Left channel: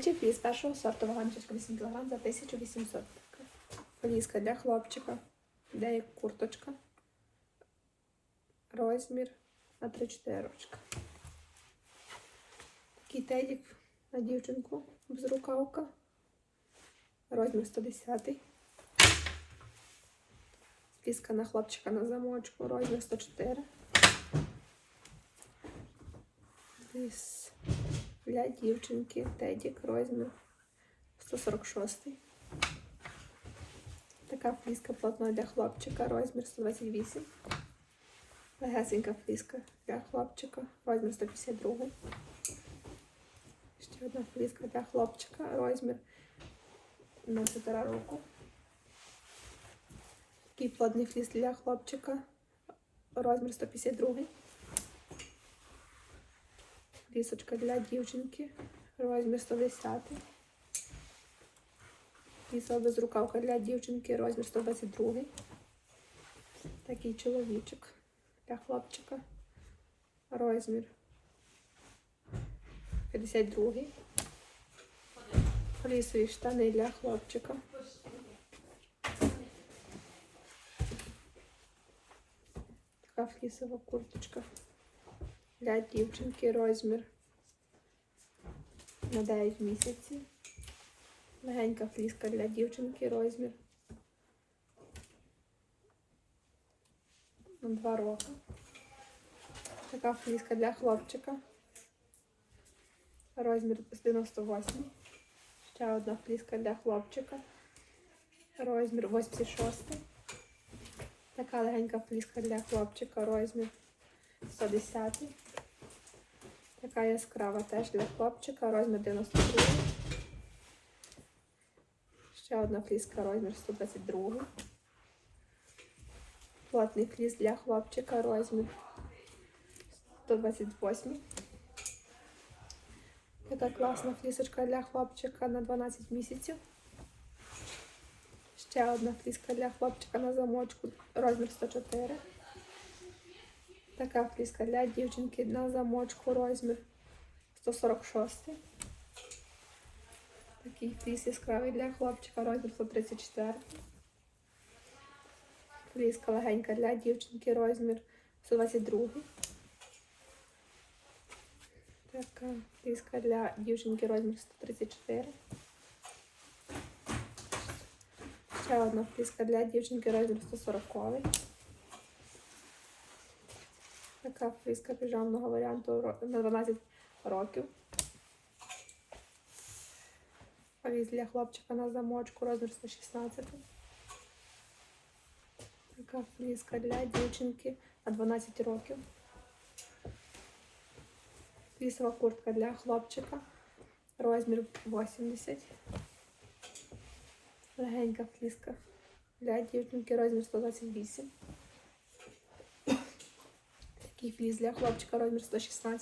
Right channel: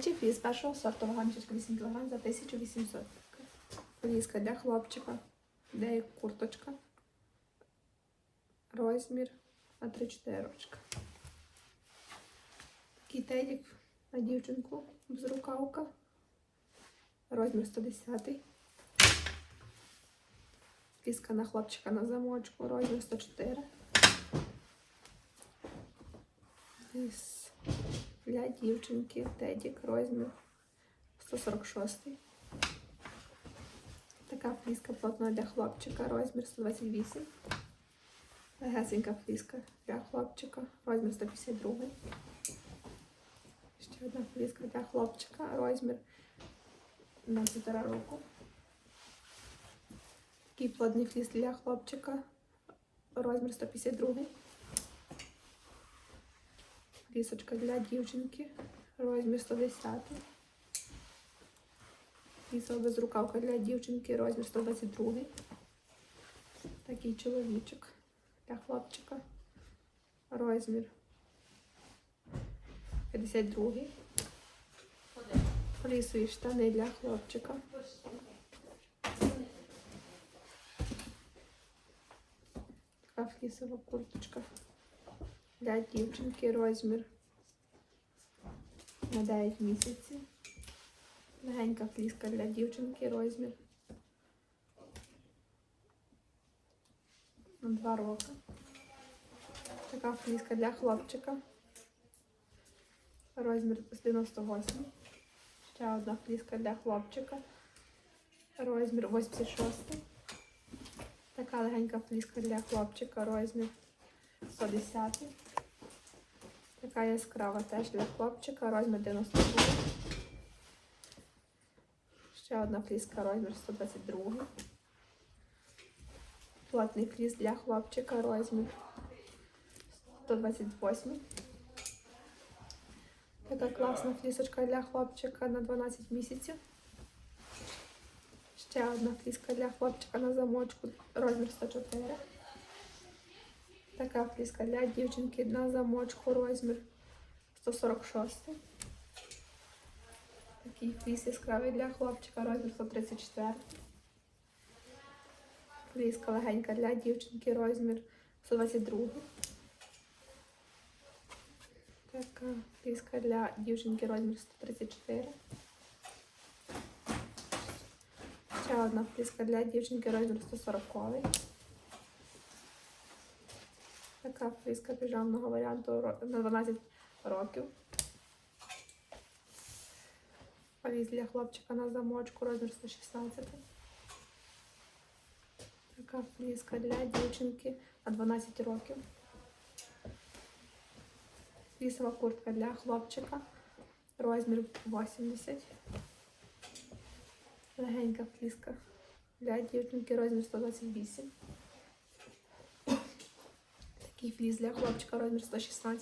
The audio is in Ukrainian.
Дитячий фліс першого сорту вагами 8 кг за 1800. Фліска для хлопчика. Де є курточка. Розмір на 3-4 рочка. Такий тедік на дівчинку безрукавка. Розмір 110. Фліска на хлопчика на замочку. Розмір 104. Фліс для дівчинки Тедік розмір 146. Така фліска плотна для хлопчика, розмір 128. Легесенька фліска для хлопчика, розмір 152. Ще одна фліска для хлопчика, розмір на 4 року. Такий плотний фліс для хлопчика, розмір 152. Лісочка для дівчинки, розмір 110. Лісова безрукавка для дівчинки, розмір 122. Такий чоловічок для хлопчика. Розмір 52. Лісові штани для хлопчика. Така флісова курточка для дівчинки розмір на 9 місяців. Легенька фліска для дівчинки розмір на 2 роки. Така фліска для хлопчика. Розмір з 98. Ще одна фліска для хлопчика. Розмір 86. Така легенька фліска для хлопчика. Розмір 110. Така яскрава теж для хлопчика, розмір 92. Ще одна фліска, розмір 122. Плотний фліс для хлопчика, розмір 128. Така класна флісочка для хлопчика на 12 місяців. Ще одна фліска для хлопчика на замочку, розмір 104. Така фліска для дівчинки на замочку розмір 146. Такий фліс яскравий для хлопчика розмір 134. Фліска легенька для дівчинки розмір 122. Така фліска для дівчинки розмір 134. Ще одна фліска для дівчинки розмір 140. Така фліска піжамного варіанту на 12 років. Фліс для хлопчика на замочку розмір 116. Така фліска для дівчинки на 12 років. Флісова куртка для хлопчика. Розмір 80. Легенька фліска для дівчинки розмір 128. Такий фліс для хлопчика розмір 116.